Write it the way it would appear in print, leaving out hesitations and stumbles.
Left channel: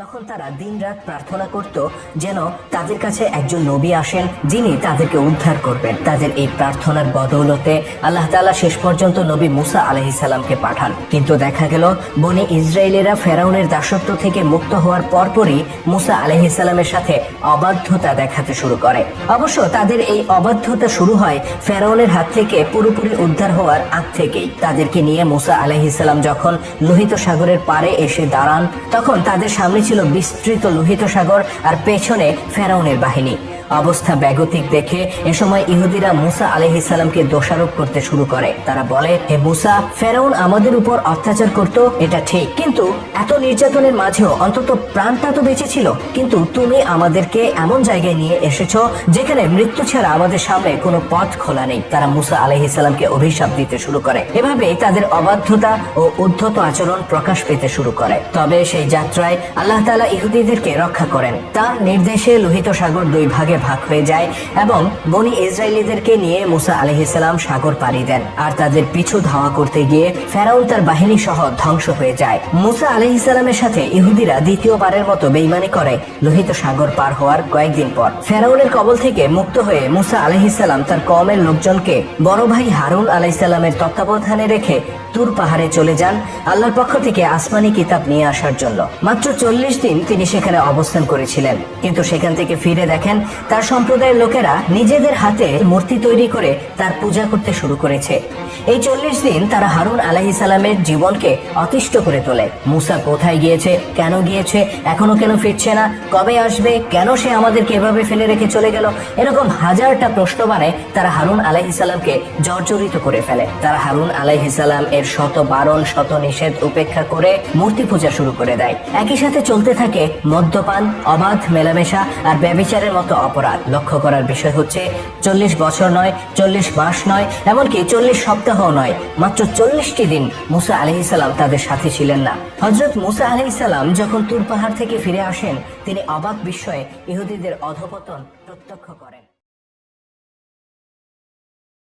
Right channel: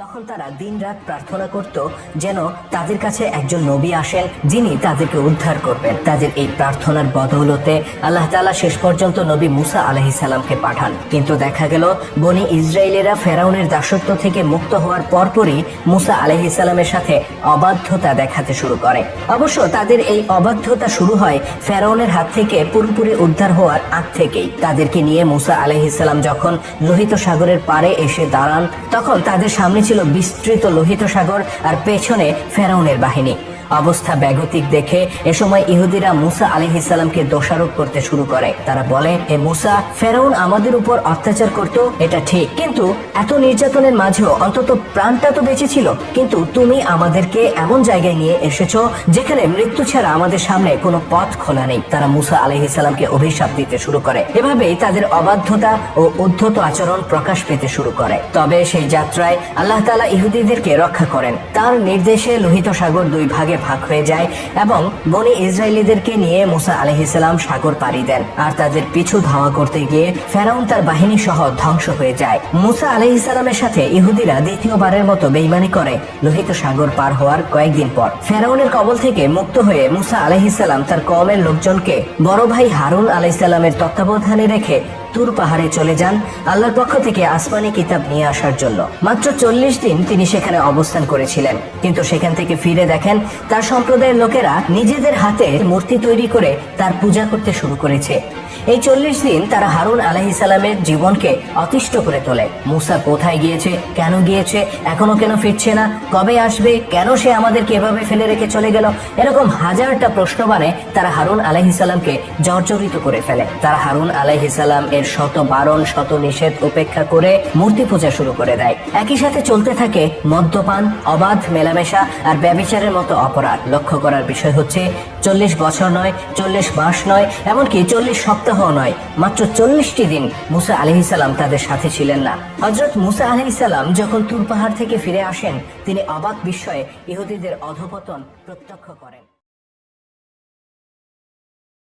তখন তারা দিনরাত প্রার্থনা করত যেন তাদের কাছে একজন নবী আসেন যিনি তাদেরকে উদ্ধার করবেন। তাদের এই প্রার্থনার বদৌলতে আল্লাহ তাআলা শেষ পর্যন্ত নবী মুসা আলাইহিস সালামকে পাঠান। কিন্তু দেখা গেল বনি ইসরায়েলেরা ফেরাউনের দাসত্ব থেকে মুক্ত হওয়ার পরপরই মুসা আলাইহিস সালামের সাথে অবাধ্যতা দেখাতে শুরু করে। অবশ্য তাদের এই অবাধ্যতা শুরু হয় ফেরাউনের হাত থেকে পুরোপুরি উদ্ধার হওয়ার আগ থেকেই। তাদেরকে নিয়ে মুসা আলাইহিস সালাম যখন লোহিত সাগরের পাড়ে এসে দাঁড়ান, তখন তাদের সামনে ছিল বিস্তৃত লোহিত সাগর আর পেছনে ফেরাউনের বাহিনী। অবস্থা বেগতিক দেখে এ সময় ইহুদিরা মুসা আলাইহিস সালামকে দোষারোপ করতে শুরু করে। তারা বলে, হে মুসা, ফেরাউন আমাদের উপর অত্যাচার করত, এটা ঠিক, কিন্তু এত নির্যাতনের মাঝেও অন্তত প্রাণটা তো বেঁচে ছিল। কিন্তু তুমি আমাদেরকে এমন জায়গায় নিয়ে এসেছো যেখানে মৃত্যু ছাড়া আমাদের সামনে কোনো পথ খোলা নেই। তারা মুসা আলাইহিস সালামকে অভিশাপ দিতে শুরু করে। এভাবেই তাদের অবাধ্যতা ও উদ্ধত আচরণ প্রকাশ পেতে শুরু করে। তবে সেই যাত্রায় আল্লাহ তাআলা ইহুদিদেরকে রক্ষা করেন। তার নির্দেশে লোহিত সাগর দুই ভাগে ভাগ হয়ে যায় এবং বনি ইসরায়েলীদেরকে নিয়ে মুসা আলাইহিস সালাম সাগর পাড়ি দেন। আর তাদের পিছু ধাওয়া করতে গিয়ে ফেরাউন তার বাহিনী সহ ধ্বংস হয়ে যায়। মুসা আলাইহিস সালামের সাথে ইহুদিরা দ্বিতীয়বারের মতো বেঈমানি করে লোহিত সাগর পার হওয়ার কয়েকদিন পর। ফেরাউনের কবল থেকে মুক্ত হয়ে মুসা আলাইহিস সালাম তার কওমের লোকজনকে বড় ভাই হারুন আলাইহিস সালামের তত্ত্বাবধানে রেখে তুর পাহাড়ে চলে যান আল্লাহর পক্ষ থেকে আসমানি কিতাব নিয়ে আসার জন্য। মাত্র 40 দিন তিনি সেখানে অবস্থান করেছিলেন, কিন্তু সেখান থেকে ফিরে দেখেন তার সম্প্রদায়ের লোকেরা নিজেদের হাতে মূর্তি তৈরি করে তার পূজা করতে শুরু করেছে। এই 40 দিন তারা হারুন আলাইহিস সালামের জীবনকে অতিষ্ঠ করে তোলে। মুসা কোথায় গিয়েছে, কেন গিয়েছে, এখনো কেন ফিরছে না, কবে আসবে, কেন সে আমাদেরকে এভাবে ফেলে রেখে চলে গেল, এরকম হাজারটা প্রশ্ন বানায় তারা হারুন আলাইহিস সালামকে জর্জরিত করে ফেলে। তারা হারুন আলাইহিস সালাম এর শত বারণ শত নিষেধ উপেক্ষা করে মূর্তি পূজা শুরু করে দেয়। একই সাথে চলতে থাকে মদ্যপান, অবাধ মেলামেশা আর ব্যভিচারের মতো অপরাধ। লক্ষ্য করার বিষয় হচ্ছে 40 বছর নয়, 40 মাস নয়, এমনকি 40 সপ্তাহ নয়, মাত্র 40টি দিন মুসা আলাইহিস সালাম তাদের সাথে ছিলেন না। হযরত মুসা আলাইহিস সালাম যখন তুর পাহাড় থেকে ফিরে আসেন, তিনি অবাক বিস্ময়ে ইহুদিদের অধঃপতন প্রত্যক্ষ করেন।